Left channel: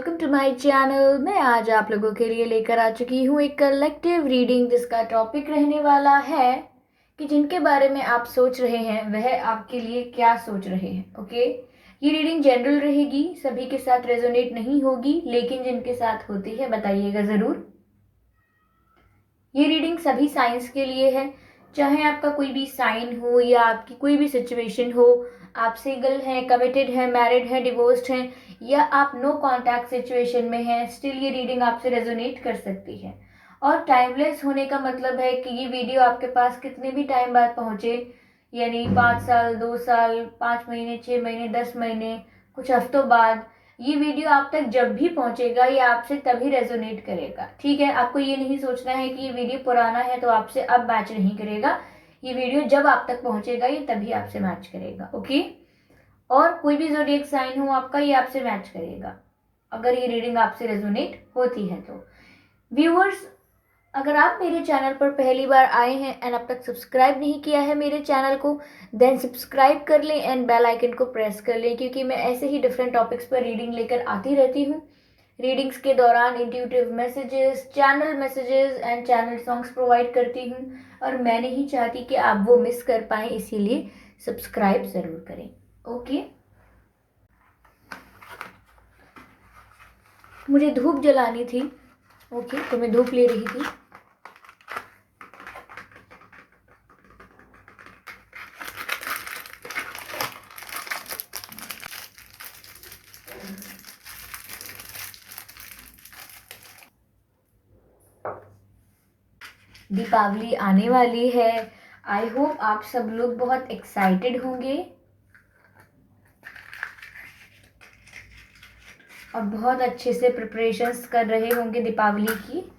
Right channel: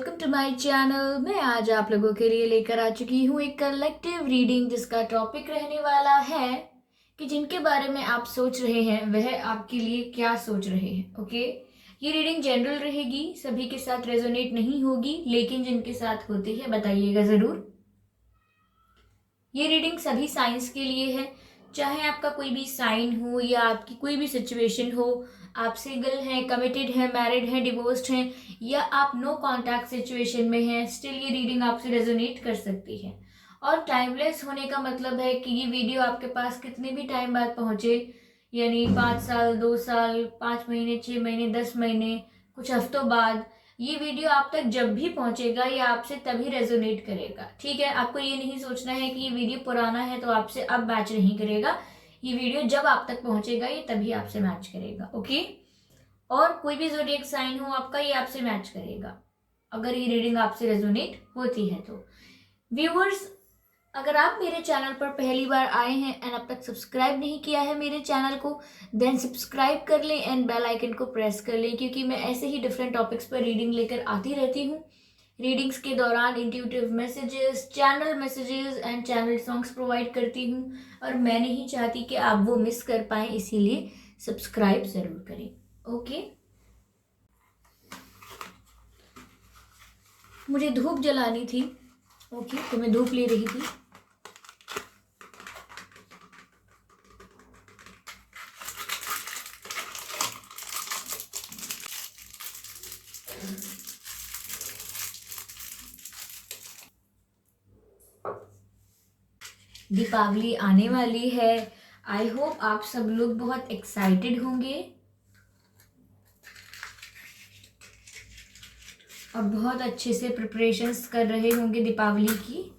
Welcome to my channel. मैं आज आप लोगों के लिए लेकर आ चुकी हूँ एक कलेक्टिव रीडिंग जिसका टॉपिक रहने वाला है कि जिनके बारे में आप सोच रहे हैं वह आपके लिए क्या सोच रहे हैं। ओके, ये रीडिंग जनरल रहेगी, सभी के साथ रेजोनेट नहीं होगी, लेकिन जिनके साथ होती है बताइएगा ज़रूर। ये रीडिंग सभी साइंस के लिए है, चाहे आपका कोई भी साइन हो या आपकी कोई भी सिचुएशन हो, आप सिंगल हैं, कमिटेड हैं, मैरिड हैं, डिवोर्स्ड हैं या आप नो कांटेक्ट सिचुएशन में हैं, स्टिल ये रीडिंग आपसे रेजोनेट कर सकती है। और टाइमलेस होने का मतलब है कि ये वीडियो आपके पास कितने भी टाइम बाद पहुंचे, यानी 5 साल, 2 साल, 5 महीने, 6 महीने, 10 महीने, कुछ हफ्तों बाद, ये वीडियो आप तक जब भी पहुंचेगा ये आपसे तभी रेजोनेट करेगा। ठीक है, आपको ये नहीं सोचना है कि ये वीडियो पुराना है तो आपसे अब मैच नहीं करेगा। ये वीडियो जब आप तक पहुंचेगा ये तभी आपसे मैच करेगा। ओके, और कोई भी ज़ोडिएक साइन हो आपका, ये आपसे मैच करेगा अगर ये रीडिंग आपसे रेजोनेट होती है तो। व्यूअर्स, अगर आप मेरे चैनल पर पहली बार आए हैं एंड अब तक सब्सक्राइब नहीं किया है मेरे चैनल को, देन सब्सक्राइब कर लें एंड बेल आइकन को प्रेस कर लें, क्योंकि मैं ऐसे ही डिफरेंट टॉपिक्स पर रीडिंग लेकर आती रहती हूँ। रीडिंग्स के दौरान intuitive messages, channel messages and channel songs provide करती हूँ, और मैं नहीं चाहती कि आप वो मिस कर पाएँ, इसीलिए सब्सक्राइब ज़रूर करें। ओके, मुझे धूप जलानी थी। ओके, तो मैं धूप ले रही थी। दीपावली आने वाली है। आई होप आप सब लोग बहुत एक्साइटेड होंगे और बहुत अच्छे से प्रिपरेशंस कर रहे होंगे दीपावली की।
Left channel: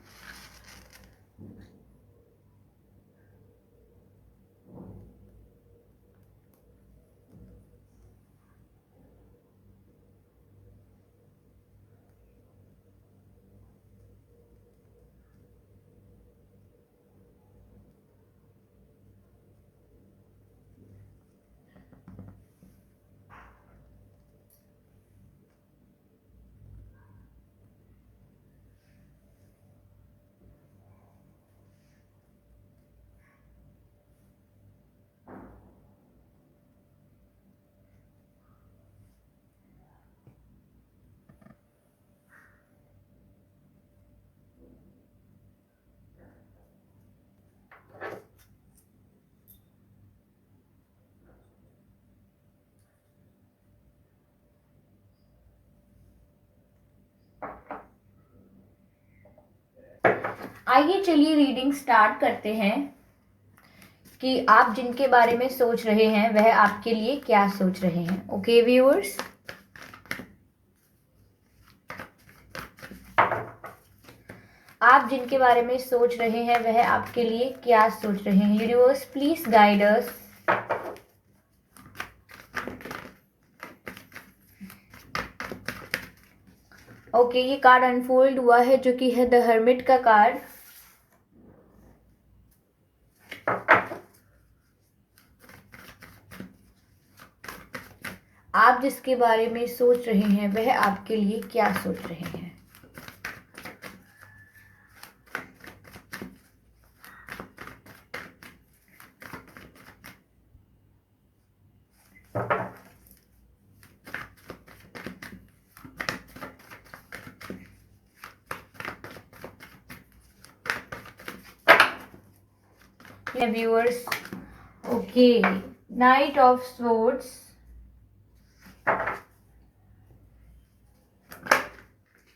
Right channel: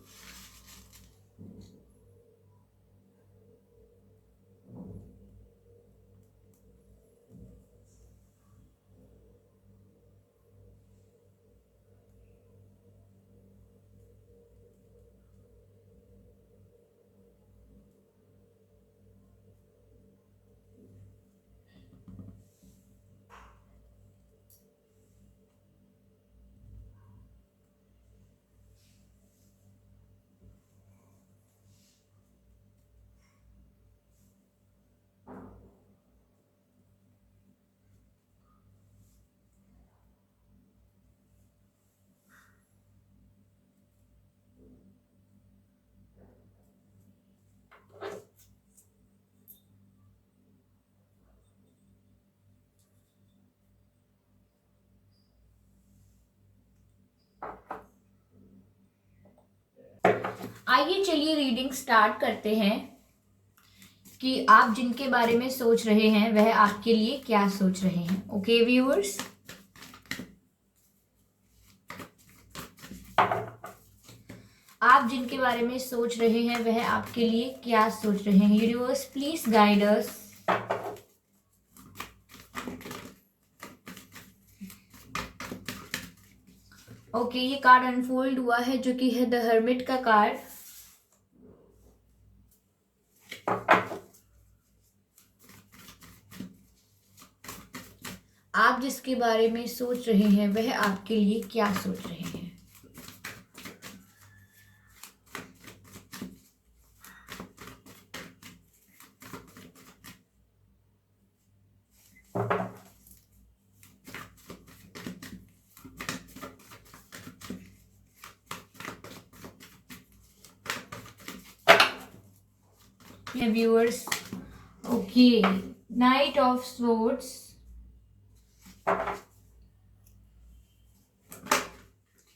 आइए चलिए रीडिंग स्टार्ट करते हैं कि आप जिनके बारे में सोच रहे हैं वह आपके लिए क्या सोच रहे हैं। ओके व्यूअर्स, आप जिनके बारे में सोच रहे हैं वह आपके लिए क्या सोच रहे हैं। Universe please guide us. Okay, ये कार्ड अनफोल्ड हुआ है जो कि है द हर्मिट का कार्ड। आप जिसके बारे में सोच रहे हैं वह आपके लिए क्या सोच रहे हैं। Viewers, okay, night of swords.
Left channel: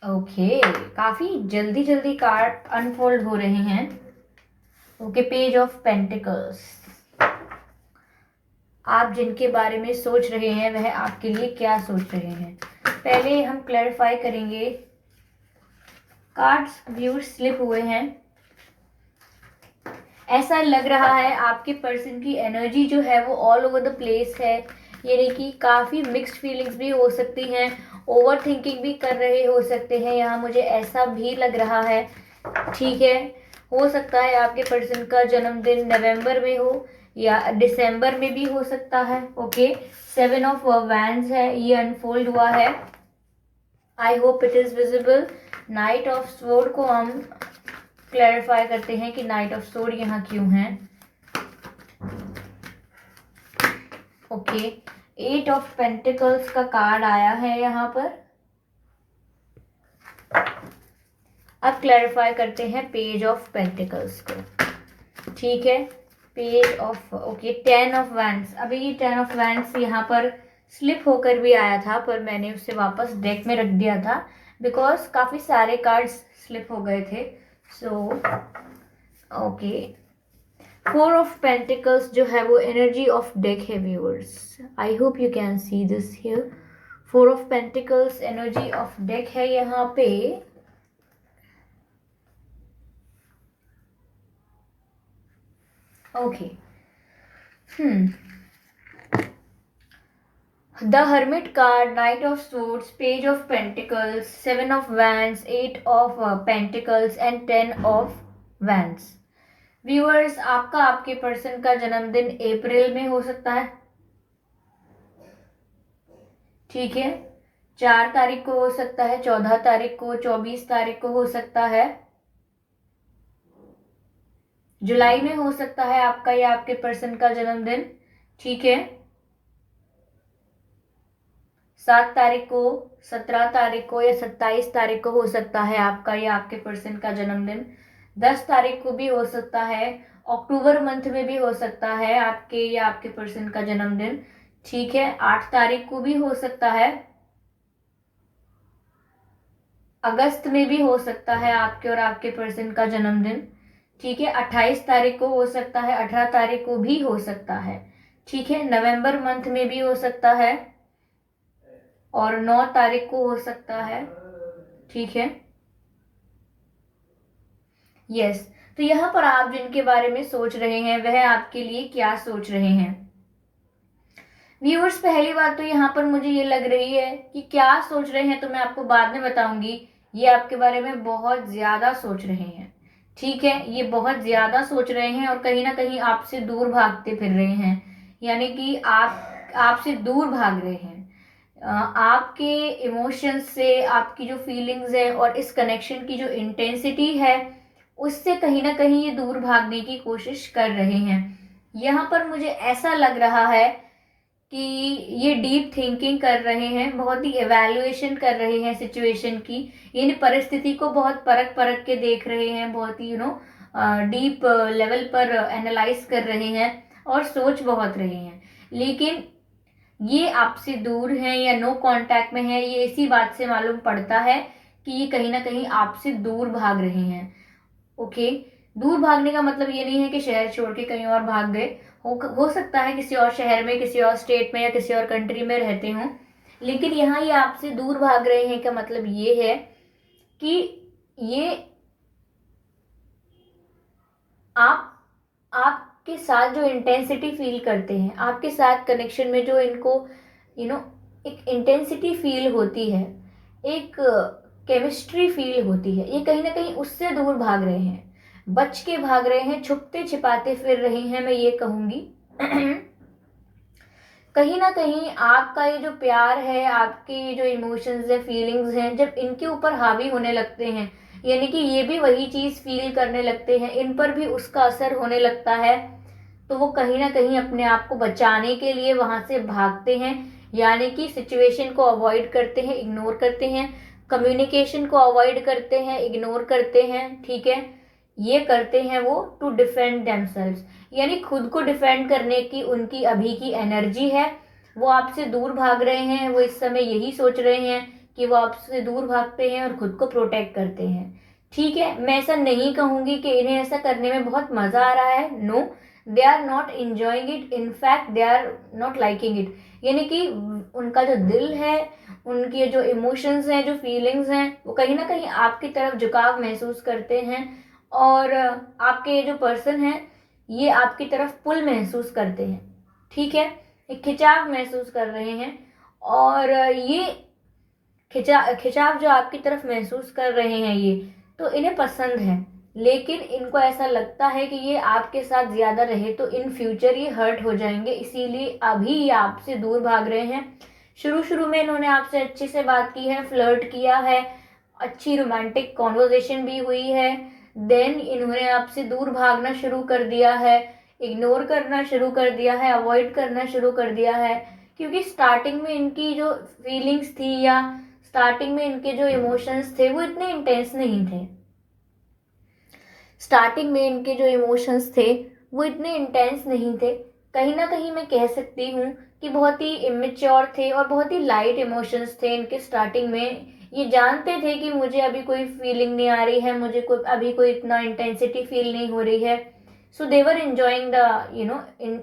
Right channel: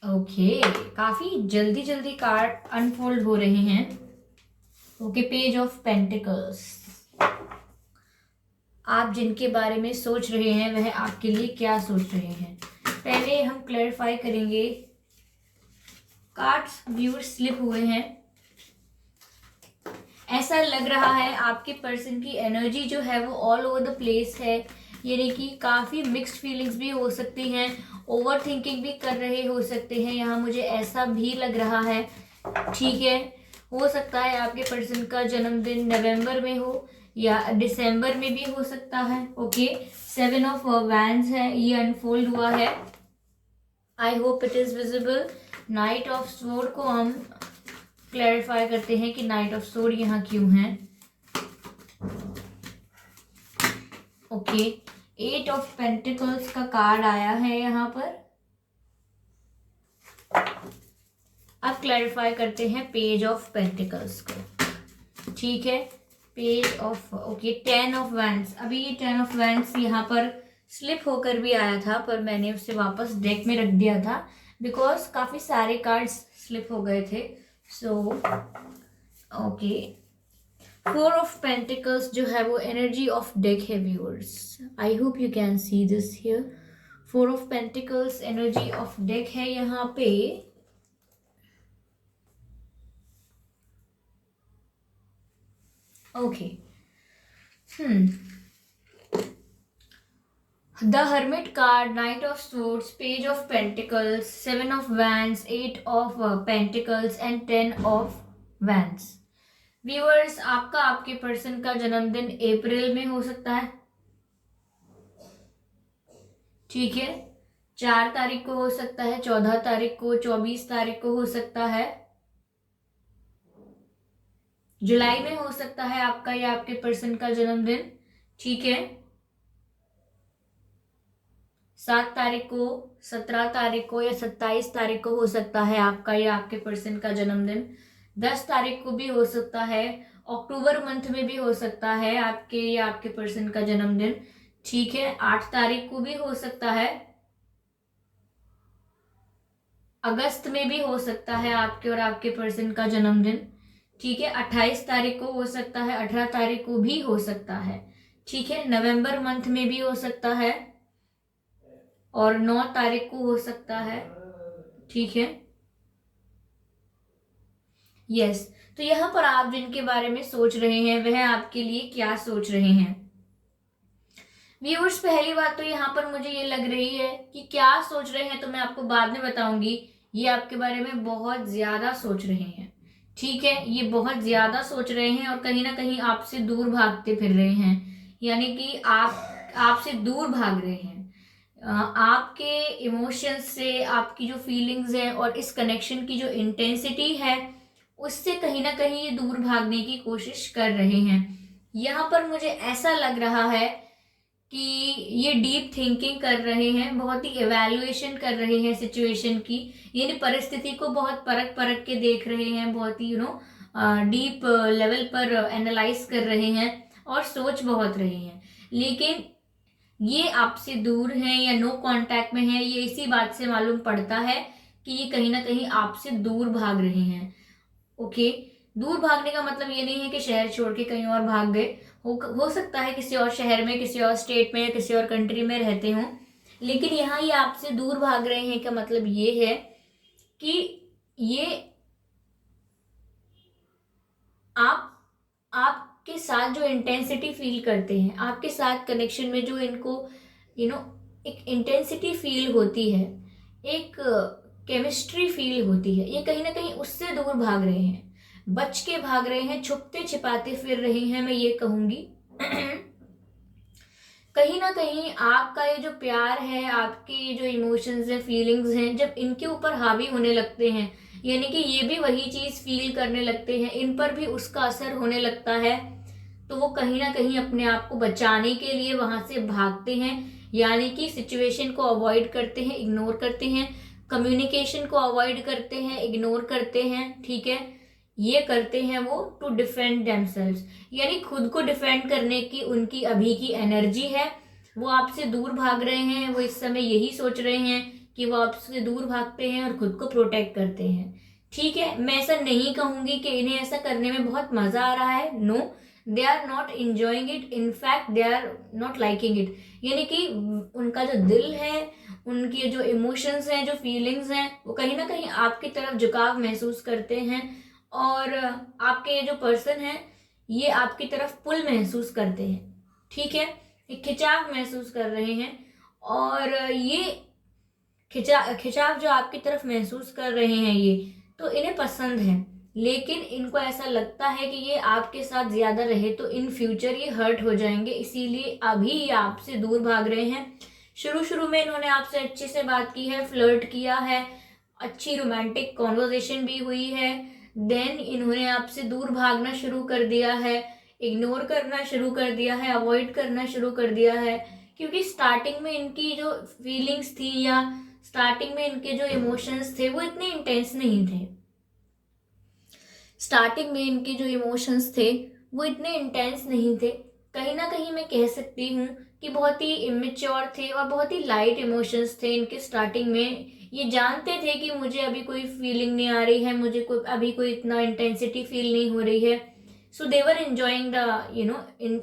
Okay, काफी जल्दी जल्दी कार्ड अनफोल्ड हो रहे हैं। Okay, page of pentacles. आप जिनके बारे में सोच रहे हैं वह आपके लिए क्या सोच रहे हैं। पहले हम क्लैरिफाई करेंगे। कार्ड्स व्यूअर्स स्लिप हुए हैं। ऐसा लग रहा है आपके पर्सन की एनर्जी जो है वो ऑल ओवर द प्लेस है, यानी कि काफ़ी मिक्स्ड फीलिंग्स भी हो सकती हैं, ओवर थिंकिंग भी कर रहे हो सकते हैं, यहाँ मुझे ऐसा भी लग रहा है। ठीक है, हो सकता है आपके पर्सन का जन्मदिन नवंबर में हो या दिसंबर में भी हो सकता है। ओके, 7 ऑफ वैंड्स है, ये अनफोल्ड हुआ है। I hope it is visible. Night of sword को हम क्लैरिफाई करते हैं कि नाइट ऑफ स्वॉर्ड यहाँ क्यों है। ओके, एट ऑफ पेंटिकल्स का कार्ड आया है यहाँ पर। अब क्लैरिफाई करते हैं पेज ऑफ पेंटिकल्स को। ठीक है, page of, okay, 10 of wands. अभी ये 10 ऑफ वैंड्स यहाँ पर स्लिप होकर भी आया था, पर मैंने उसे वापस डेक में रख दिया था बिकॉज काफ़ी सारे कार्ड्स स्लिप हो गए थे। सो ओके, 4 ऑफ पेंटिकल्स जो है वो एनर्जी ऑफ डेक है viewers. I hope you can see this here. 4 of pentacles energy of deck है यहाँ पे। Okay, The Hermit card, Knight of Swords, Page of Pentacles, 7 of Wands, 8 of Pentacles and 10 of Wands. Viewers, आपका आपके person का जन्मदिन अप्रैल में हो सकता है। ठीक है, 4 तारीख को हो सकता है, 14 तारीख को, 24 तारीख को हो सकता है, जुलाई में हो सकता है आपका या आपके पर्सन का जन्मदिन। ठीक है, 7 तारीख को, 17 तारीख को या 27 तारीख को हो सकता है आपका या आपके पर्सन का जन्मदिन। 10 तारीख को भी हो सकता है, अक्टूबर मंथ में भी हो सकता है आपके या आपके पर्सन का जन्मदिन। ठीक है, 8 तारीख को भी हो सकता है, अगस्त में भी हो सकता है आपके और आपके पर्सन का जन्मदिन। ठीक है, 28 तारीख को हो सकता है, 18 तारीख को भी हो सकता है। ठीक है, नवंबर मंथ में भी हो सकता है और 9 तारीख को हो सकता है। ठीक है, यस। तो यहाँ पर आप जिनके बारे में सोच रहे हैं वह आपके लिए क्या सोच रहे हैं व्यूअर्स? पहली बात तो यहाँ पर मुझे ये लग रही है कि क्या सोच रहे हैं तो मैं आपको बाद में बताऊंगी। ये आपके बारे में बहुत ज्यादा सोच रहे हैं। ठीक है, ये बहुत ज्यादा सोच रहे हैं और कहीं ना कहीं आपसे दूर भागते फिर रहे हैं, यानी कि आपसे दूर भाग रहे हैं। आपके इमोशंस से, आपकी जो फीलिंग्स है और इस कनेक्शन की जो इंटेंसिटी है उससे कहीं ना कहीं ये दूर भागने की कोशिश कर रहे हैं। यहाँ पर मुझे ऐसा लग रहा है कि ये डीप थिंकिंग कर रहे हैं, बहुत ही एवेल्युएशन कर रहे हैं सिचुएशन की, यानी परिस्थिति को बहुत परख परख के देख रहे हैं, बहुत ही डीप लेवल पर एनालाइज कर रहे हैं और सोच बहुत रहे हैं। लेकिन ये आपसे दूर हैं या नो कांटेक्ट में है, ये इसी बात से मालूम पड़ता है कि ये कहीं ना कहीं आपसे दूर भाग रहे हैं। ओके, दूर भागने का मतलब ये नहीं है कि शहर छोड़ के कहीं और भाग गए। हो सकता है किसी और शहर में, किसी और स्टेट में या किसी और कंट्री में रहते हों, लेकिन यहाँ ये आपसे दूर भाग रहे हैं का मतलब ये है कि ये आपके साथ जो इंटेंसिटी फील करते हैं, आपके साथ कनेक्शन में जो इनको एक इंटेंसिटी फील होती है, एक केमिस्ट्री फील होती है, ये कहीं ना कहीं उससे दूर भाग रहे हैं, बच के भाग रहे हैं, छुपते छिपाते फिर रहे हैं, मैं ये कहूंगी। कहीं ना कहीं आपका ये जो प्यार है, आपके जो इमोशंस है, फीलिंग्स हैं, जब इनके ऊपर हावी होने लगते हैं, यानी कि ये भी वही चीज फील करने लगते हैं, इन पर भी उसका असर होने लगता है, तो वो कहीं ना कहीं अपने आप को बचाने के लिए वहां से भागते हैं, यानी कि सिचुएशन को अवॉइड करते हैं, इग्नोर करते हैं, कम्युनिकेशन को अवॉइड करते हैं, इग्नोर करते हैं। ठीक है, ये करते हैं वो टू डिफेंड देमसेल्व्स, यानी खुद को डिफेंड करने की उनकी अभी की एनर्जी है। वो आपसे दूर भाग रहे हैं, वो इस समय यही सोच रहे हैं कि वो आपसे दूर भागते हैं और खुद को प्रोटेक्ट करते हैं। ठीक है, मैं ऐसा नहीं कहूंगी कि इन्हें ऐसा करने में बहुत मजा आ रहा है। No, they are not enjoying it, in fact they are not liking it, यानी कि उनका जो दिल है, उनके जो इमोशंस हैं, जो फीलिंग्स हैं, वो कहीं ना कहीं आपकी तरफ झुकाव महसूस करते हैं और आपके जो पर्सन है ये आपकी तरफ पुल महसूस करते हैं। ठीक है, एक खिंचाव महसूस कर रहे हैं और ये खिंचाव जो आपकी तरफ महसूस कर रहे हैं ये तो इन्हें पसंद है, लेकिन इनको ऐसा लगता है कि ये आपके साथ ज्यादा रहे तो इन फ्यूचर ये हर्ट हो जाएंगे, इसीलिए अभी ये आपसे दूर भाग रहे हैं। शुरू शुरू में इन्होंने आपसे अच्छे से बात की है, फ्लर्ट किया है, अच्छी रोमांटिक कॉन्वर्जेशन भी हुई है। देन इन्होंने आपसे दूर भागना शुरू कर दिया है, इग्नोर करना शुरू कर दिया है, अवॉइड करना शुरू कर दिया है, क्योंकि स्टार्टिंग में इनकी जो फीलिंग्स थी या स्टार्टिंग में इनके जो इमोशंस थे वो इतने इंटेंस नहीं थे। स्टार्टिंग में इनके जो इमोशंस थे वो इतने इंटेंस नहीं थे। कहीं ना कहीं मैं कह सकती हूँ कि बहुत ही इमेच्योर थे और बहुत ही लाइट इमोशंस थे इनके स्टार्टिंग में। ये जानते थे कि मुझे अभी कोई फीलिंग नहीं आ रही है, मुझे कोई अभी कोई इतना इंटेंसिटी फील नहीं हो रही है। So they were enjoying the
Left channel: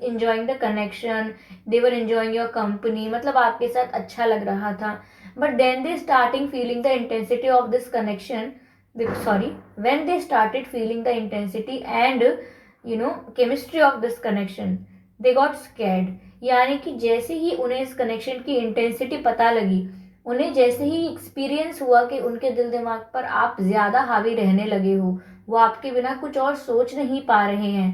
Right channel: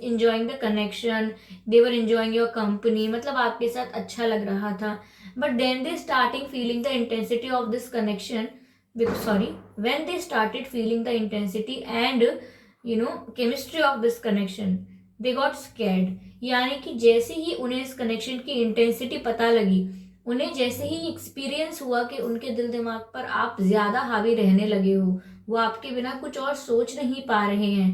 enjoying the connection, they were enjoying your company, मतलब आपके साथ अच्छा लग रहा था। But then they starting feeling the intensity of this connection, when they started feeling the intensity and chemistry of this connection, they got scared। यानी कि जैसे ही उन्हें इस कनेक्शन की इंटेंसिटी पता लगी, उन्हें जैसे ही एक्सपीरियंस हुआ कि उनके दिल दिमाग पर आप ज्यादा हावी रहने लगे हो, वो आपके बिना कुछ और सोच नहीं पा रहे हैं,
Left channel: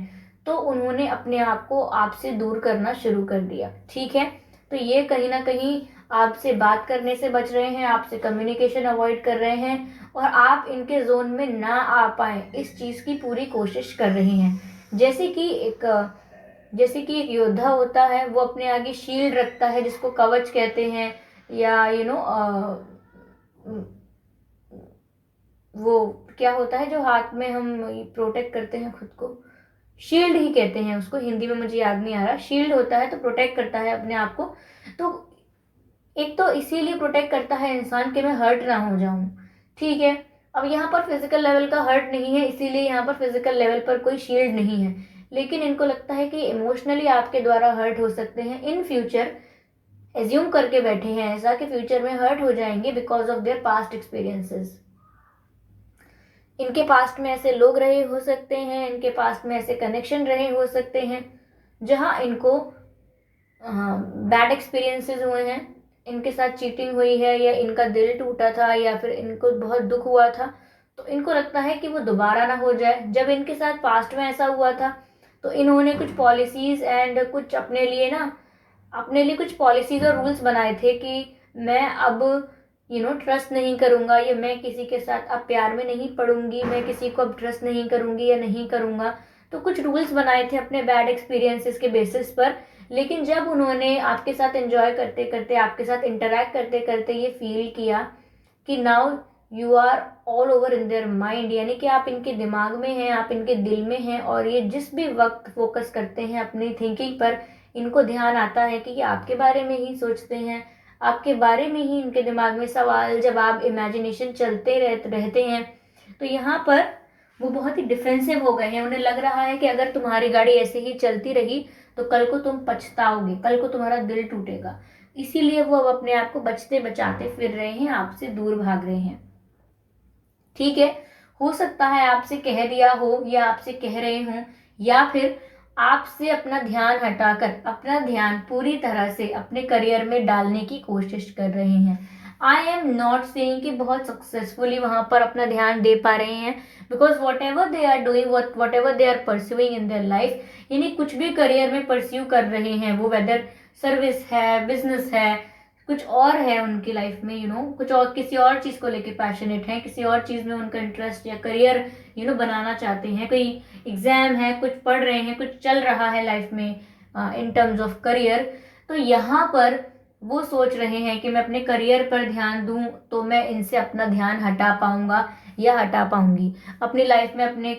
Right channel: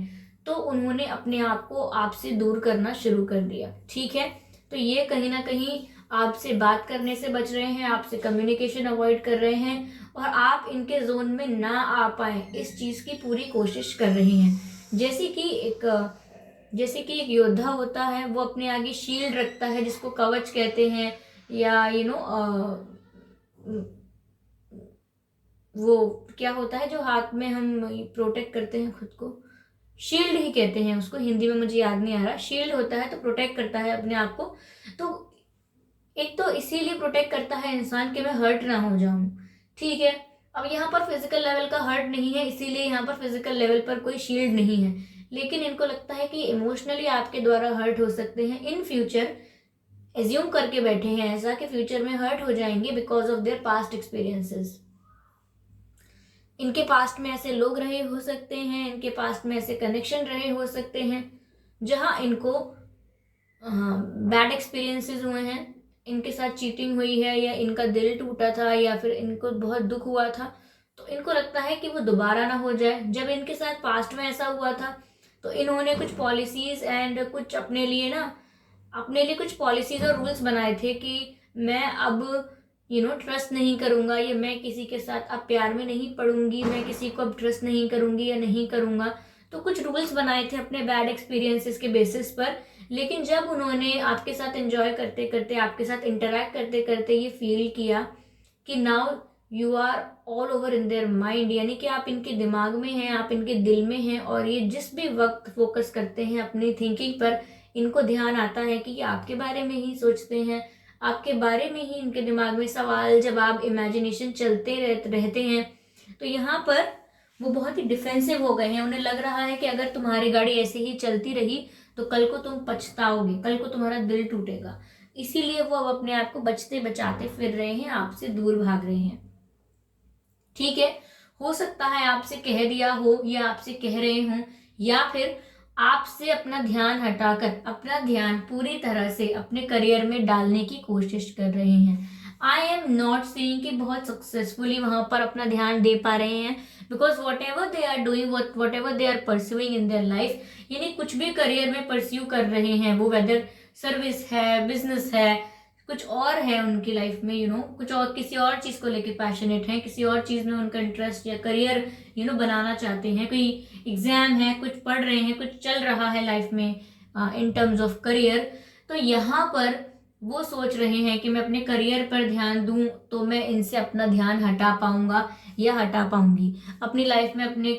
तो उन्होंने अपने आप को आपसे दूर करना शुरू कर दिया। ठीक है, तो ये कहीं ना कहीं आपसे बात करने से बच रहे हैं, आपसे कम्युनिकेशन अवॉइड कर रहे हैं और आप इनके जोन में ना आ पाए इस चीज की पूरी कोशिश कर रही हैं। जैसे कि एक योद्धा होता है, वो अपने आगे शील्ड रखता है जिसको कवच कहते हैं, या वो क्या होता है जो हाथ में हम प्रोटेक्ट करते हैं खुद को, शील्ड ही कहते हैं उसको, हिंदी में मुझे याद नहीं आ रहा। शील्ड होता है तो प्रोटेक्ट करता है अपने आप को। तो एक तो इसीलिए प्रोटेक्ट करता है इंसान कि मैं हर्ट ना हो जाऊं। ठीक है, अब यहाँ पर फिजिकल लेवल का हर्ट नहीं है, इसीलिए यहाँ पर फिजिकल लेवल पर कोई शील्ड नहीं है, लेकिन इनको लगता है कि इमोशनली आपके द्वारा हर्ट हो सकते हैं इन फ्यूचर। एज्यूम करके बैठे हैं ऐसा कि फ्यूचर में हर्ट हो जाएंगे because of their past experiences. इनके पास्ट में ऐसे लोग रहे हो सकते हैं, इनके पास्ट में ऐसे कनेक्शन रहे हो सकते हैं जहां इनको बैड एक्सपीरियंसेस हुए हैं, इनके साथ चीटिंग हुई है, या इनका दिल टूटा था, या फिर इनको बहुत दुख हुआ था, तो इनको लगता है कि वो दोबारा ना हो जाए। जब इनके साथ पास्ट में ऐसा हुआ था तो इन्होंने कुछ पॉलिसीज एंड कुछ अपने लिए कुछ पॉलिसीज और रूल्स बनाए थे कि मैं अब ट्रस्ट नहीं करूंगा, या मैं किसी के साथ अब प्यार में नहीं पड़ूंगी, मैं किसी को अब ट्रस्ट नहीं करूंगी या नहीं करूंगा। तो कुछ रूल्स बनाए थे अपने बैड एक्सपीरियंसेस के बेसिस पर। लेकिन जब उन्होंने आपके साथ एंजॉय करते करते, आपके साथ इंटरेक्ट करते करते ये फील किया कि now you are all over in their mind, यानी कि आप इनके दिमाग में हैं, आप इनके दिल में हैं, और ये जिस भी वक्त फोकस करते हैं अपनी थिंकिंग पर, इनको ध्यान आता है कि आपके बारे में ही सोचते हैं, आपके बारे में ही इनके दिमाग में सवाल जवाब इमेजिनेशन चलते रहते हैं। तो यहाँ पर वो बहुत ही डिफेंसिव हो गए हैं। उन्हें लग रहा है कि अगर तुम्हारी गाड़ी ऐसे ही चलती रही तो कल को तुम पछताओगे, कल को तुम्हारा दिल टूटेगा। इसीलिए वो अब अपने आप को बचते बचाते फिर रहे हैं, आपसे दूर भाग रहे हैं। ठीक है, हो सकता है आपसे कह दिया हो, या आपसे कह रहे हों, या फिर आपसे अपना ध्यान हटाकर अपना ध्यान पूरी तरह से अपने करियर में डालने की कोशिश कर रहे हैं। आई एम नॉट सेइंग कि बहुत सक्सेसफुली वहां पर अपना ध्यान दे पा रहे हैं, because whatever they are doing, whatever they are pursuing in their life, यानी कुछ भी करियर में परस्यू कर रहे हैं, वो वेदर सर्विस है, बिजनेस है, कुछ और है उनकी लाइफ में, कुछ और किसी और चीज को लेके पैशनेट है, किसी और चीज में उनका इंटरेस्ट या करियर बनाना चाहते हैं, कोई एग्जाम है, कुछ पढ़ रहे हैं, कुछ चल रहा है लाइफ में इन टर्म्स ऑफ करियर। तो यहाँ पर वो सोच रहे हैं कि मैं अपने करियर पर ध्यान दूं तो मैं इनसे अपना ध्यान हटा पाऊंगा या हटा पाऊंगी, अपनी लाइफ में अपने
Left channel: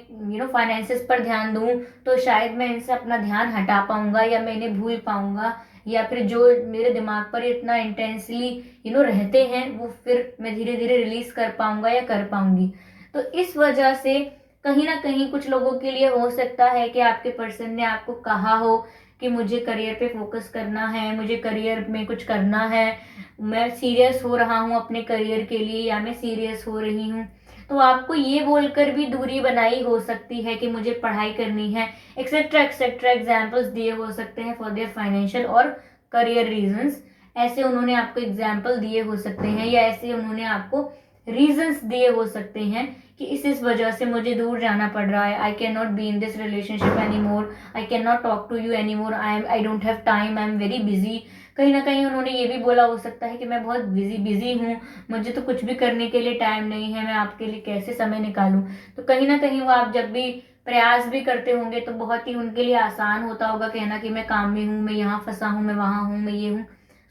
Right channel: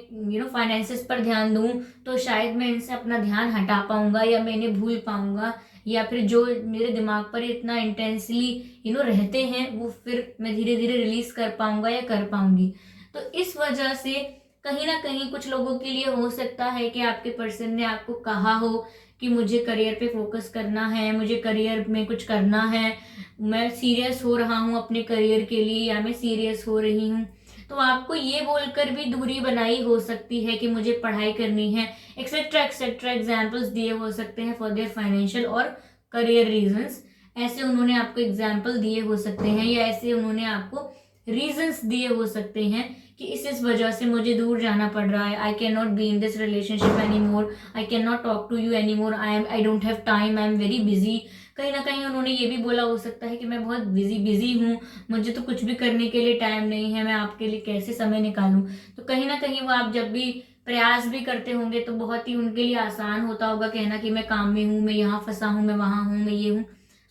फाइनेंसेस पर ध्यान दूं तो शायद मैं इनसे अपना ध्यान हटा पाऊंगा या मैं इन्हें भूल पाऊंगा, या फिर जो मेरे दिमाग पर इतना इंटेंसली रहते हैं वो फिर मैं धीरे धीरे रिलीज कर पाऊंगा या कर पाऊंगी। तो इस वजह से कहीं ना कहीं कुछ लोगों के लिए हो सकता है कि आपके पर्सन ने आपको कहा हो कि मुझे करियर पे फोकस करना है, मुझे करियर में कुछ करना है, मैं सीरियस हो रहा हूँ अपने करियर के लिए, या मैं सीरियस हो रही हूँ। तो आपको ये बोलकर भी दूरी बनाई हो सकती है कि मुझे पढ़ाई करनी है, एक्सेट्रा एक्सेट्रा एग्जाम्पल्स दिए हो सकते हैं फॉर देयर फाइनेंशियल और करियर रीजंस। ऐसे उन्होंने आपको एग्जाम्पल दिए हो सकते हैं, या ऐसे उन्होंने आपको रीजंस दिए हो सकते हैं कि इस वजह से मुझे दूर जाना पड़ रहा है, I can not be in this relationship any more, I can not talk to you any more, I don't have time, I am very busy. कहीं ना कहीं उन्होंने ये भी बोला हो सकता है कि मैं बहुत बिजी हूँ, मुझे तो कुछ भी करने के लिए टाइम नहीं है, मैं आपके लिए कैसे समय निकालूं। तो कहीं ना कहीं वो आप जब भी प्रयास भी करते होंगे तो बहुत ही उनके लिए आसान होता होगा कहना कि मैं काम में हूँ, मैं यहाँ फंसा हूँ, मैं वहां हूँ, मैं ये हूँ।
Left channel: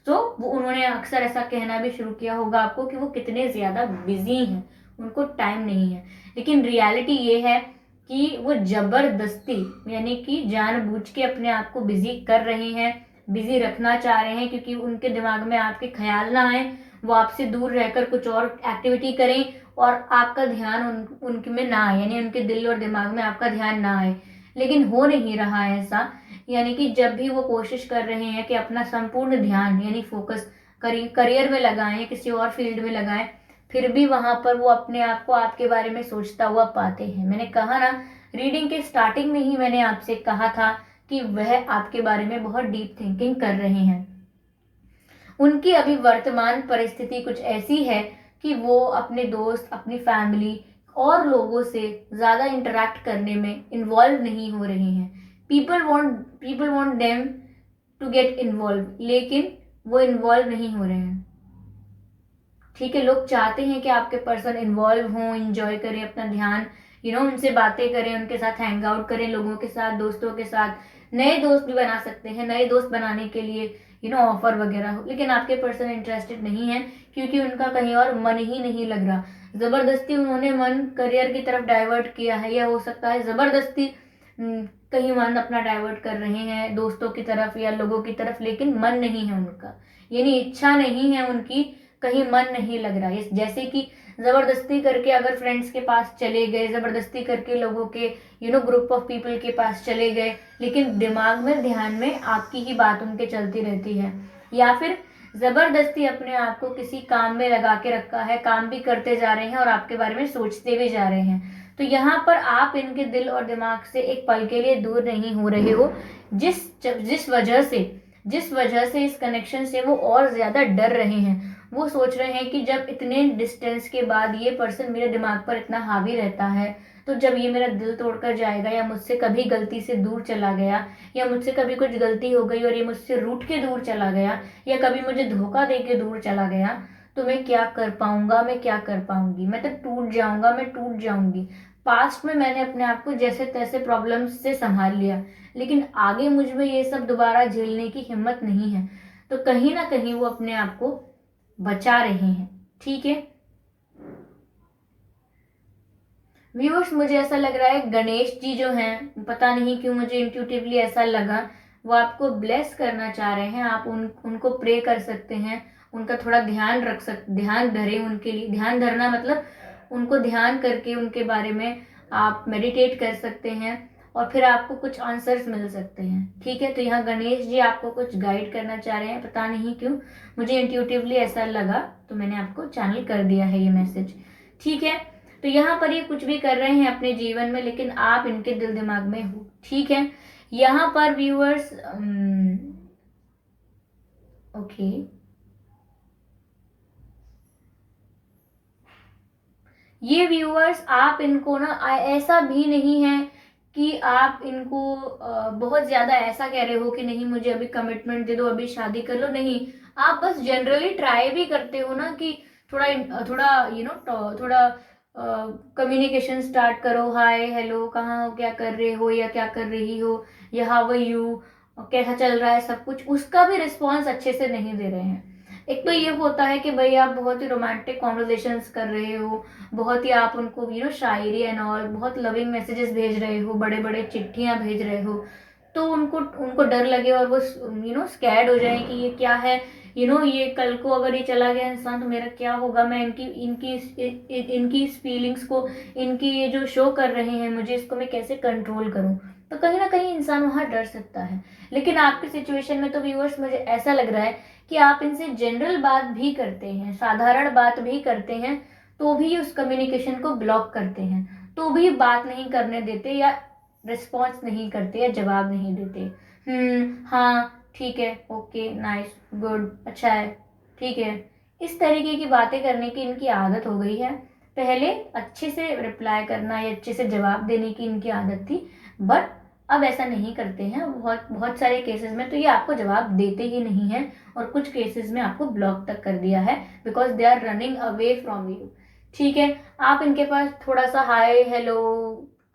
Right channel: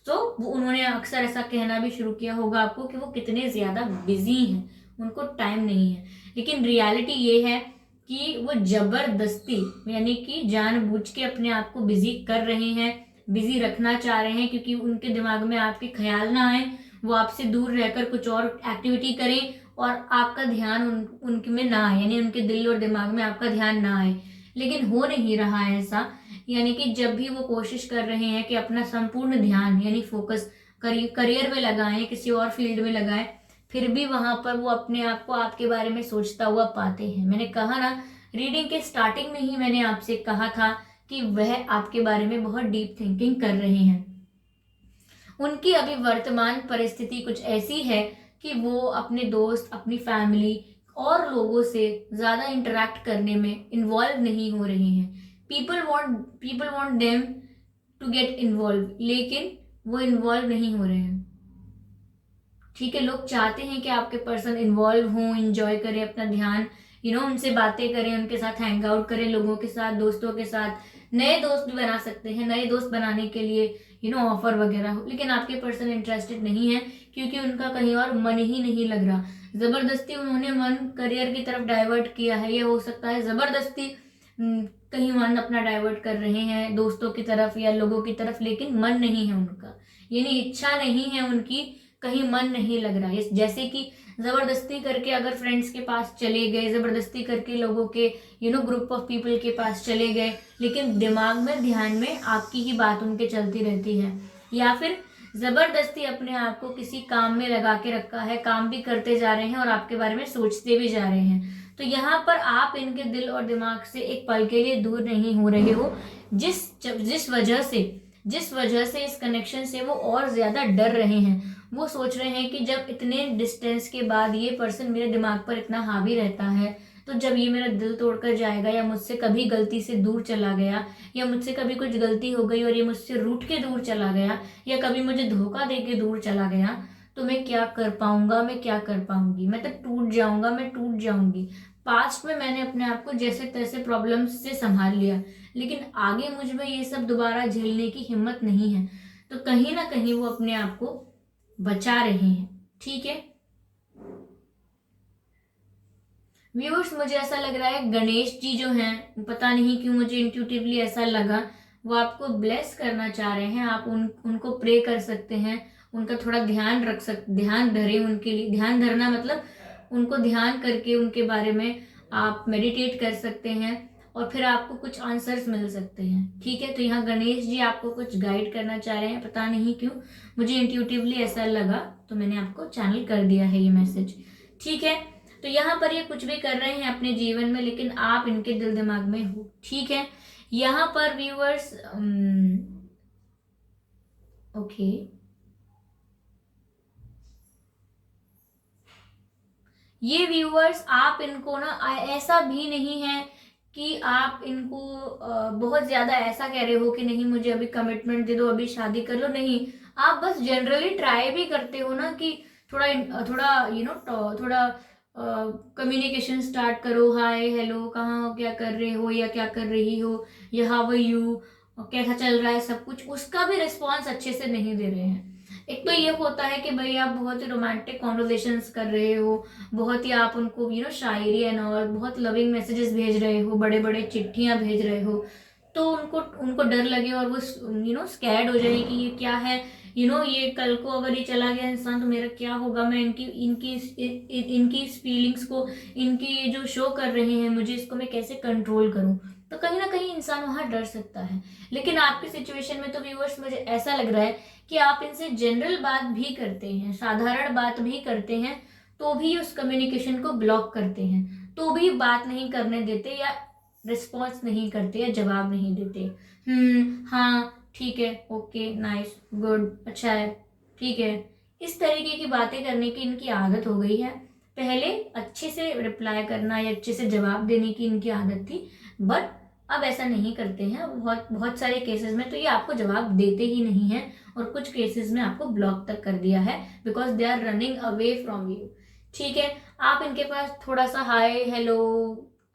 तो वो उन्होंने अक्सर ऐसा कहना भी शुरू किया होगा आपको कि वो कितने ज्यादा बिजी हैं, उनको टाइम नहीं है। लेकिन रियलिटी ये है कि वो जबरदस्ती यानी कि जानबूझ के अपने आप को बिजी कर रहे हैं, बिजी रखना चाह रहे हैं, क्योंकि उनके दिमाग में आपके ख्याल ना आए, वो आपसे दूर रहकर कुछ और एक्टिविटी करें और आपका ध्यान उनके में ना आए, यानी उनके दिल और दिमाग में आपका ध्यान ना आए। लेकिन हो नहीं रहा है ऐसा। यानी कि जब भी वो कोशिश कर रहे हैं कि अपना संपूर्ण ध्यान यानी फोकस करियर में लगाएं, किसी और फील्ड में लगाएं, फिर भी वहां पर वो अपने आप को आपके बारे में सोचता हुआ पाते हैं। मैंने कहा ना, रीडिंग के स्टार्टिंग में ही मैंने आपसे कहा था कि वह आपके बारे में बहुत डीप थिंकिंग कर रहे हैं। उनकी अभी वर्तमान परिस्थिति कुछ ऐसी है कि वो अपने दोस्त, अपनी फैमिली और लोगों से ज्यादा इंटरेक्ट करने में इन्वॉल्व नहीं हो रहे हैं। People want them to get involve, लेकिन वो इन्वॉल्व नहीं हो रहे हैं। ठीक है, लोग चाहते हैं कि आपके पर्सन इन्वॉल्व हों, इंजॉय करें अपना ध्यान, उनसे बातें करें, उनके साथ हैंग आउट करें, लोगों के साथ, दोस्तों के साथ नए दोस्त भी बना सकते हैं, नए दोस्त बनाने के लिए ऑफर वगैरह हो। लेकिन आपके पर्सन इंटरेस्टेड नहीं है, क्योंकि उनका कहीं और मन ही नहीं लग रहा। जबरदस्ती उन्होंने मन करियर की तरफ डाइवर्ट किया है, या हो सकता है जबरदस्ती कहीं मन अपना डाइवर्ट कर रहे हैं दोस्तों की तरफ या लोगों की तरफ, लेकिन मन नहीं है उनका, यानी इच्छा नहीं है उनकी, कहीं मन नहीं लग रहा है। जैसे कि जबरदस्ती करके अगर फ्रेंड्स के पास चले गए, जबरदस्ती करके लोगों के ग्रुप ऑफ पीपल के पास चले गए, लेकिन दिमाग में, ध्यान में आपकी ही बात उनके चलती रहती है। या फिर जबरदस्ती अपने आप को किसी काम में लगा के रखा है, काम भी करते जा रहे हैं और आपके बारे में सोचते भी जा रहे हैं। तो यहाँ पर आप इनके दिल और दिमाग से एक पल के लिए दूर नहीं हो रहे हो, जिस वजह से इस कनेक्शन से वो और ज्यादा डर रहे हैं। वो सोच रहे हैं कि जब इतने डिस्टेंस के बाद ये पर्सन मेरे दिमाग पर इतना हावी रहता है, तो जब ये मेरा दिल तोड़कर जाएगा, या मुझसे कभी गलती से दूर चला गया, या मुझसे कभी कुछ गलती हो गई और ये मुझसे रूठ के दूर चला गया, या कभी मुझे धोखा दे के दूर चला गया, तो मैं क्या कर पाऊंगा, मैं क्या कर पाऊंगी, मैं तो टूट जाऊंगा, मैं टूट जाऊंगी। पास्ट में मैंने अपने आप को जैसे तैसे प्रॉब्लम्स से संभाल लिया, लेकिन आगे मुझ में ये सब दोबारा झेलने की हिम्मत नहीं है। तो कहीं ना कहीं वो अपने आप को बचा रहे हैं। ठीक है व्यूअर्स, मुझे ऐसा लग रहा है गणेश जी जो हैं, पता नहीं क्यों मुझे इंट्यूटिवली ऐसा लगा, वो आपको ब्लेस करना चाह रहे हैं। आप उनको प्रे कर सकते हैं, उनका थोड़ा ध्यान धरे, उनके लिए ध्यान धरना मतलब उनको ध्यान करके उनके बारे में आप मेडिटेट कर सकते हैं, और फिर आपको कुछ आंसर्स मिल सकते हैं। ठीक है, तो यहाँ गणेश जी आपको कुछ गाइड करना चाह रहे हैं, पता नहीं क्यों मुझे इंट्यूटिवली ऐसा लगा, तो मैंने आपको चैनल कर दिया है ये मैसेज। ठीक है, तो यहाँ पर ये कुछ भी कर रहे हैं अपने जीवन में, लेकिन आप इनके दिल दिमाग में हो। ठीक है, यहाँ पर व्यूअर्स ओके, ये व्यूअर्स आप इनको ना ऐसा भी नहीं है कि आप इनको बहुत ज्यादा ऐसा कह रहे हो कि नहीं मुझे अभी कमिटमेंट दे दो, अभी शादी कर लो, नहीं। आप बस जनरली ट्राई भी करते हो ना कि थोड़ा थोड़ा थोड़ा कम्युनिकेशन स्टार्ट करो, हाय हेलो, कहाँ हो, क्या कर रहे हो या क्या कर रही हो, या हाउ आर यू, कैसा चल रहा है सब कुछ, उसका भी रिस्पॉन्स अच्छे से नहीं दे रहे हैं। एक तो ये होता है कि भाई आप बहुत ही रोमांटिक कॉन्वर्जेशंस कर रहे हो, बहुत ही आप उनको शायरी एंड ऑल, बहुत लविंग मैसेजेस भेज रहे हो, बड़े बड़े चिट्ठियां भेज रहे हो, तो उनको उनको डर लगे और वो स्कैर्ड हो जाए कि ये क्या है, ये कल को अगर ये चला गया इंसान तो मेरा क्या होगा, मैं इनकी इनकी इनकी फीलिंग्स को, इनकी ये जो शो कर रहे हैं मुझे, इसको मैं कैसे कंट्रोल करूं। तो कहीं ना कहीं इंसान वहां डर सकता है। लेकिन आपकी सिचुएशन में तो व्यूअर्स मुझे ऐसा लग रहा है कि आप इनसे जनरल बात भी करते हैं, साधारण बात भी करते हैं, तो भी उस कम्युनिकेशन को ब्लॉक करते हैं, तो भी बात नहीं करने देते, या रिस्पॉन्स नहीं करते, या जवाब नहीं देते। हाँ ठीक है, ओके, नाइस, गुड, अच्छा है, ठीक है, इस तरीके की बातें करने की इनकी आदत हो गई है। पहले अच्छे से रिप्लाई करना या अच्छे से जवाब देने की इनकी आदत थी, बट अब ऐसा नहीं करते हैं बहुत बहुत सारे केसेस में, तो ये आपको जवाब देते ही नहीं है और कुछ केसेस में आपको ब्लॉक तक कर दिया है because they are running away from you. ठीक है, आप इनके पास थोड़ा सा hi hello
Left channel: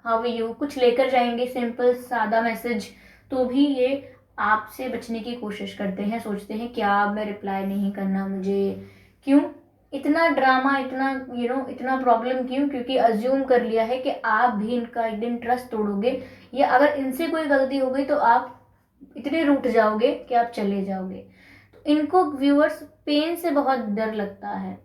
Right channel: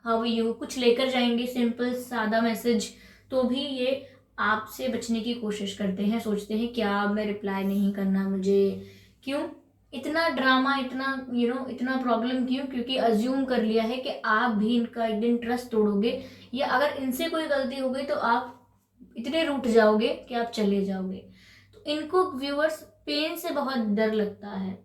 how are you कुछ लेकर जाएंगे, सिंपल सादा मैसेज, तो भी ये आपसे बचने की कोशिश करते हैं, सोचते हैं क्या मैं रिप्लाई नहीं करना मुझे, क्यों इतना ड्रामा, इतना इतना प्रॉब्लम क्यों? क्योंकि अज्यूम कर लिया है कि आप भी इनका एक दिन ट्रस्ट तोड़ोगे या अगर इनसे कोई गलती हो गई तो आप इतने रूठ जाओगे कि आप चले जाओगे। तो इनको व्यूअर्स पेन से बहुत डर लगता है।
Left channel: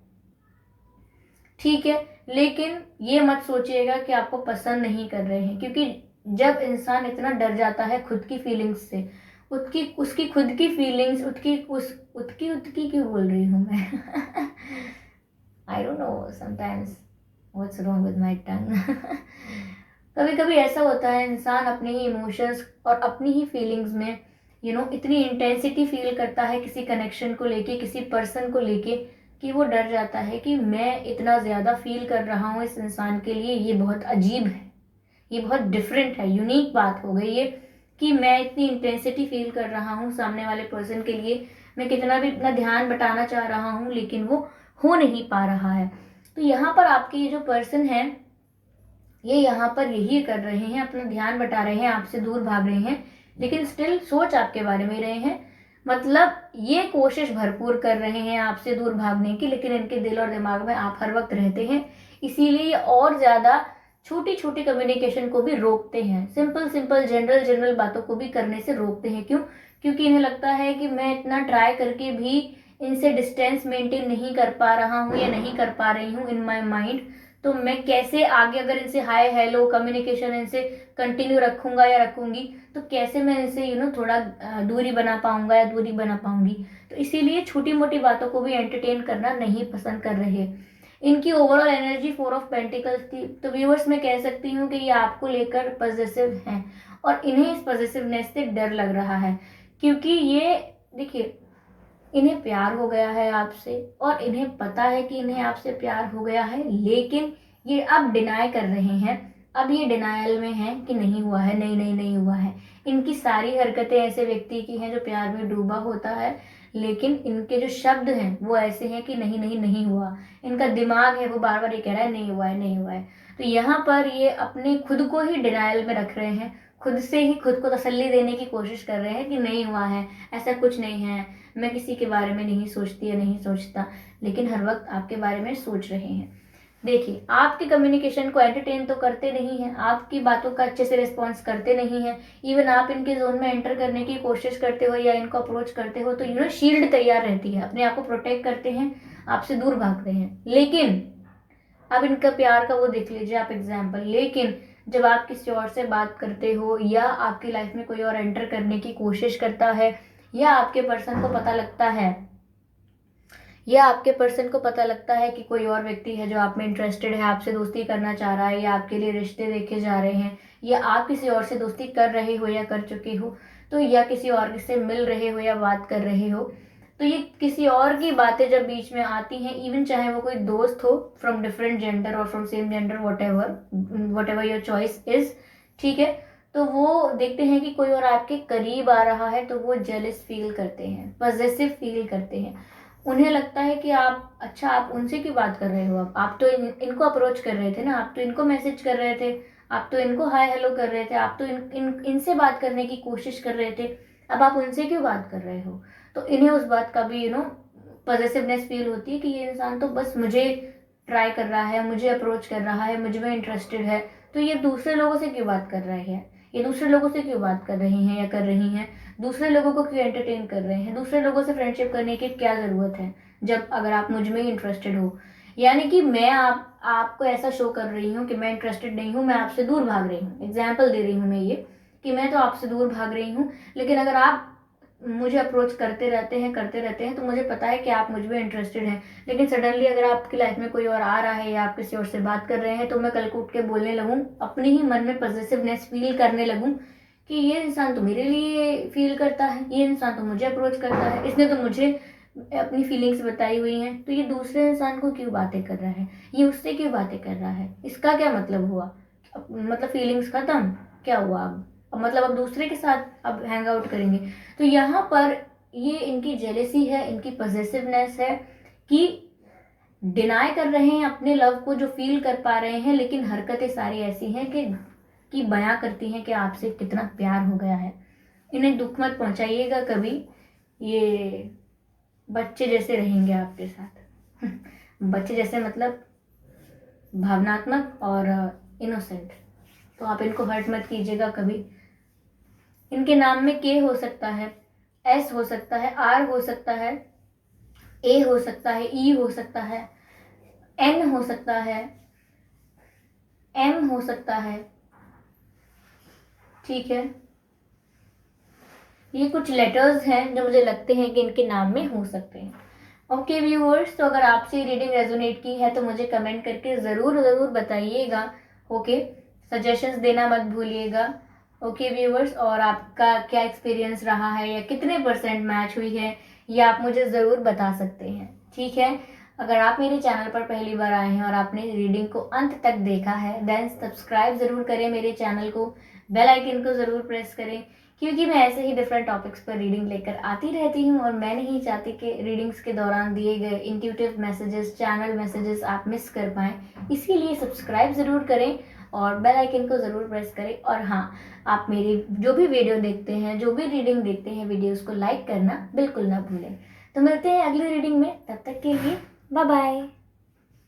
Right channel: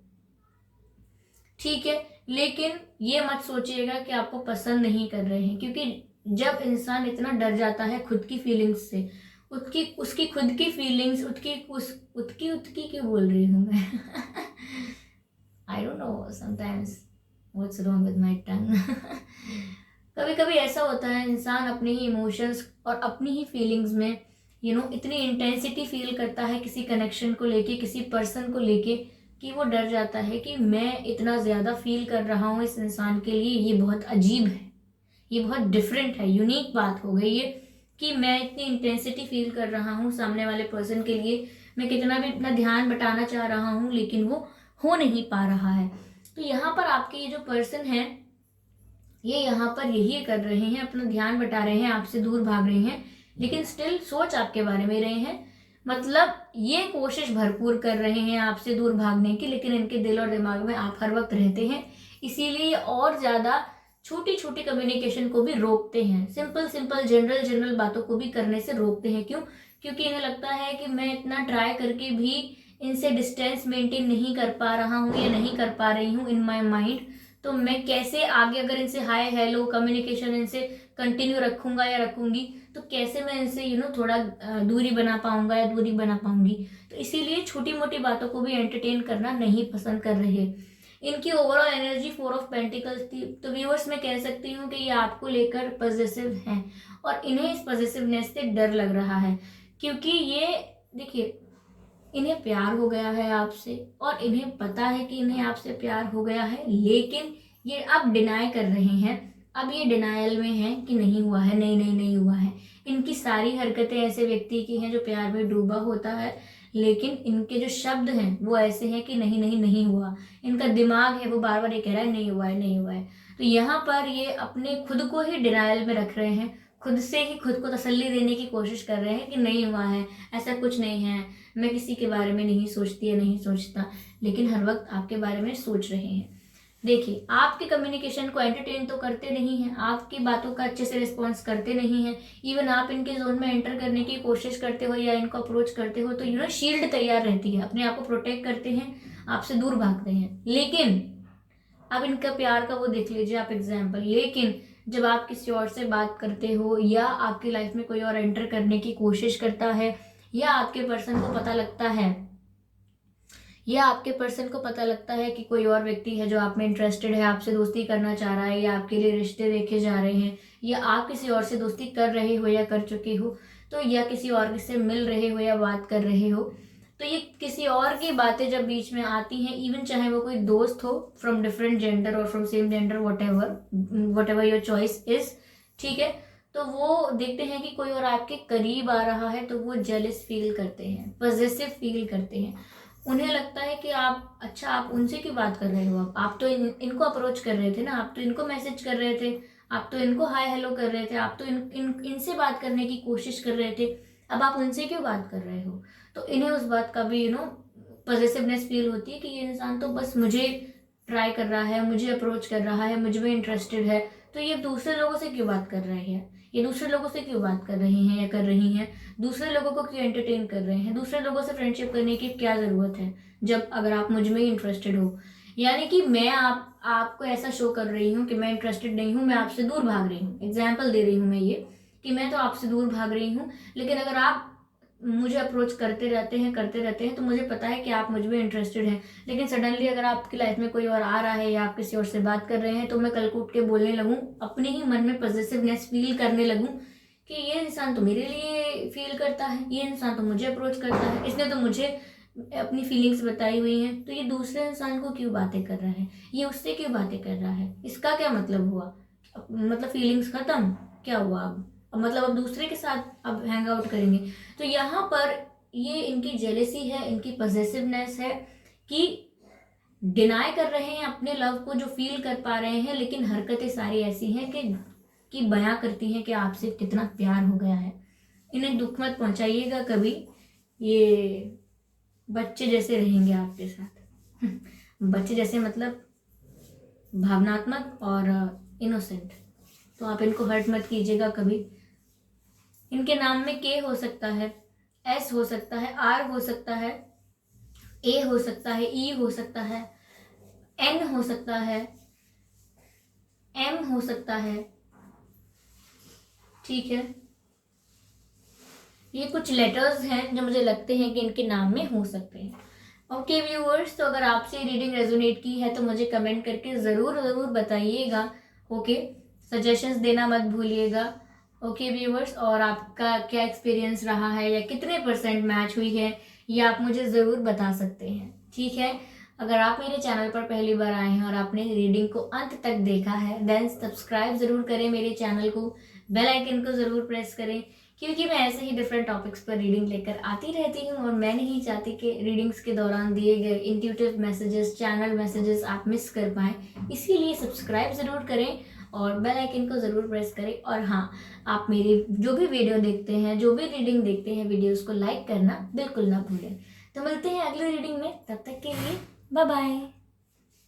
ठीक है, लेकिन ये मत सोचिएगा कि आपको पसंद नहीं कर रहे हैं, क्योंकि जब इंसान इतना डर जाता है खुद की फीलिंग्स से, उसकी खुद की फीलिंग्स उत्की क्यों बोल रही हूँ मैं I don't know sometimes what's wrong with my टंग कभी कभी ऐसा होता है इंसान अपने ही इमोशंस और अपनी ही फीलिंग्स में इतनी इंटेंसिटी फील करता है किसी कनेक्शन को लेके, किसी पर्सन को लेके, कि वो डर जाता है कि मैं इतना ज़्यादा फील कर रहा हूँ इस इंसान के लिए, ये बहुत अजीब है, ये बहुत डिफरेंट है, यूनिक बात हो गई ये कि मैं इतनी इंटेंसिटी फील कर रहा हूँ सामने वाले पर्सन के लिए, मैं कितना भी अपना ध्यान बटाना चाह रहा हूँ लेकिन वो हो नहीं पा रहा है। तो यहाँ पर आपके ये जो पर्सन है ये यहाँ पर यही कर रहे हैं, अपना ध्यान बटा रहे हैं, आपसे दूर भाग रहे हैं, लेकिन स्टिल सोच आपके बारे में रहे हैं, मतलब ये कोशिश भरपूर कर रहे हैं आपसे दूर भागने की, लेकिन इनके दिल और दिमाग में आप हर वक्त रहते हैं, इसीलिए ये और ज़्यादा छोटी छोटी कम्युनिकेशन को भी रोकते हैं, सिंपल सिंपल जनरल जनरल बातों को भी करने से रोकते हैं। क्यों? क्योंकि इन्हें लगता है कि मैं इतना ट्राई करके भी इनसे डिस्टेंस मेंटेन नहीं कर पा रहा हूँ या नहीं कर पा रही हूँ इन माई माइंड, तो मैं कैसे आगे अगर इनसे हाय हेलो कम्युनिकेशन इनसे कंटिन्यू रखूंगा या रखूंगी तो कैसे मैं इनसे थोड़ा दूरी बना पाऊंगा या दूरी बना पाऊंगी। तो इसीलिए छोटी मोटी बातों को भी एंटरटेन करना नहीं पसंद कर रहे। इनकी ओवरऑल एनर्जी 4 ऑफ पेंटिकल्स थी, तो व्यूअर्स मैं कह सकती हूँ कि ये आपको लेकर पॉजिटिव हैं और इन्हें इस पॉजिटिवनेस से डर लग रहा है, क्योंकि ये देखिए इन्हें प्यार हो गया है आपसे और इन्हें पता है कि इन्हें आपसे प्यार हो गया है, लेकिन ये अब डिनाई कर रहे हैं, अब ये डिनायल में हैं कि नहीं हुआ है, नहीं नहीं नहीं हुआ है। इनकी सारी हरकतें ऐसे व्यक्ति की हैं जो प्यार में डूबा होता है, लेकिन इनके जो शब्द हैं वो ऐसे हैं कि नहीं नहीं नहीं हुआ। इनका दिमाग है वो बार बार ये कह रहा है नहीं हुआ है नहीं हुआ है। तो यहाँ पर ये अपने खुद को ही डिनायल में रख रहे हैं, खुद से ही खुद को तसल्ली देने की कोशिश कर रहे हैं कि नहीं हुआ है, ऐसा कुछ नहीं है, मैं किसी के बारे में नहीं सोचती या नहीं सोचता, लेकिन हर वक्त आपके बारे में सोच रहे हैं। देखिए आपके कम्युनिकेशन को एंटरटेन तो करते नहीं हैं, आपकी बातों का अच्छे से रिस्पॉन्स करते नहीं हैं, इवन आप इनके जोन में एंटर करने की कोशिश करते हो या इनको अप्रोच करते हो तो शील्ड तैयार रहती है, अपने आप को प्रोटेक्ट करते हैं, आपसे दूर भागते हैं। लेकिन अब इनका प्यार का वो देख लीजिए आप एग्जाम्पल, लेकिन जब आप किसी और से बात करते हो या आपकी लाइफ में कोई और एंटर करने की कोशिश करता है या आपके पर्सन को पता लगता है कि कोई और व्यक्ति है जो आप में इंटरेस्टेड है, आपसे दोस्ती करना चाह रहा है या आपके लिए रिश्ते देखे जा रहे हैं या आप किसी और से दोस्ती कर रहे हो या कर चुके हो, तो या किसी और से मिल रहे हो या बात कर रहे हो, तो ये किसी और की बातें जब बीच में आती हैं, इवन चाहे वो कोई दोस्त हो फ्रॉम डिफरेंट जेंडर और from same gender, what ever your choice is, ठीक है, तो वो देखते हैं कि कोई और आपके करीब आ रहा है तो वो जेलस फील करते हैं, पॉजिटिव फील करते हैं, उन्हें लगता है कि आप उनसे क्यों बात कर रहे हो, आप तो इनको अप्रोच कर रहे थे ना, आप तो इनको मैसेज कर रहे थे, आप तो इनको हाय हेलो कर रहे थे, आप तो इनसे बात करने की कोशिश कर रहे थे, अब आप उनसे क्यों बात कर रहे हो। तो इन्हें उस बात का भी पॉजिटिवनेस फील होती है कि ये इंसान तो बस मुझे ट्राई कर रहा है, मुझे अप्रोच कर रहा है, मुझ में इंटरेस्टेड है, तो ये दूसरे लोगों से क्यों बात कर रहे हैं, ये दूसरे लोगों से क्यों बात कर रहे हैं या कर रही हैं, दूसरे लोगों को क्यों एंटरटेन कर रहे हैं, दूसरे लोगों से फ्रेंडशिप करने की क्या ज़रूरत है जब अगर आप मुझ में ही इंटरेस्टेड हो। यानी कि मैं आपको ऐसा शो कर रही हूँ कि मैं इंटरेस्टेड नहीं हूँ, मैं आपसे दूर भाग रही हूँ, एग्जाम्पल दे रही हूँ मैं ये कि मैं तो आपसे दूर भाग रही हूँ, लेकिन अगर आप मुझे अप्रोच करते रहते हैं तो मुझे पता है कि आप मुझ में इंटरेस्टेड हैं, लेकिन सडनली अगर आपकी लाइफ में कोई और आ रहा है या आप किसी और से बात कर रहे हैं तो मैं कल को उठ के बोलने लगूँ, अपने ही मन में पॉजिटिवनेस फील करने लगूँ कि ये इंसान तो मेरे लिए फील करता है, ये इंसान तो मुझे अप्रोच करता है, इसने तो मुझे अपनी फीलिंग्स बताई हुई हैं, तो ये दूसरे इंसान को क्यों बातें कर रहा है, ये उससे क्यों बातें कर रहा है, इसका क्या मतलब हुआ, मतलब फीलिंग्स खत्म, क्या हुआ अब, मतलब अब दूसरे के साथ अब हैंग आउट करेंगे। तो यहाँ पर ये इनकी जेलेसी है, इनकी पॉसेसिवनेस है कि डिनाई कर रहे हैं अपने लव को जो फील कर पा रहे हैं, लेकिन हरकतें सारी ऐसी हैं कि बयां करती हैं कि आपसे कितना प्यार हो गया है। इन्हें दुख मत पहुंचाइएगा कभी, ये बच्चे जैसे रहेंगे आपके साथ। बच्चे जैसे मतलब भावनात्मक और इनोसेंट। तो आप इनको हर्ट मत कीजिएगा कभी। इनके नाम में के हो सकता है, एस हो सकता है, आर हो सकता है, ए हो सकता है, ई हो सकता है, एन हो सकता है, एम हो सकता है। ठीक है, ये कुछ लेटर्स हैं जो मुझे लगते हैं कि इनके नाम में हो सकते हैं। ओके व्यूअर्स, तो अगर आपसे रीडिंग रेजोनेट की है तो मुझे कमेंट करके ज़रूर ज़रूर बताइएगा। ओके, सजेशंस देना मत भूलिएगा। ओके व्यूअर्स, और आपका क्या एक्सपीरियंस रहा है या कितने % मैच हुई है, ये आप मुझे ज़रूर बता सकते हैं। ठीक है, अगर आप मेरे चैनल पर पहली बार आए हैं और आपने रीडिंग को अंत तक देखा है, देन सब्सक्राइब ज़रूर करें मेरे चैनल को, बेल आइकन को ज़रूर प्रेस करें, क्योंकि मैं ऐसे ही डिफरेंट टॉपिक्स पर रीडिंग लेकर आती रहती हूँ और मैं नहीं चाहती कि रीडिंग्स के दौरान दिए गए इंट्यूटिव मैसेजेस, चैनल मैसेजेस आप मिस कर पाएँ। इसीलिए सब्सक्राइब ज़रूर करें और बेल आइकन को ज़रूर प्रेस करें। और हाँ, आप मेरी जो भी वीडियो देखते हैं, जो भी रीडिंग देखते हैं, वीडियोज़ को लाइक करना बिल्कुल ना भूलें। तो मिलते हैं अगली रीडिंग में, तब तक के लिए बाय बाय।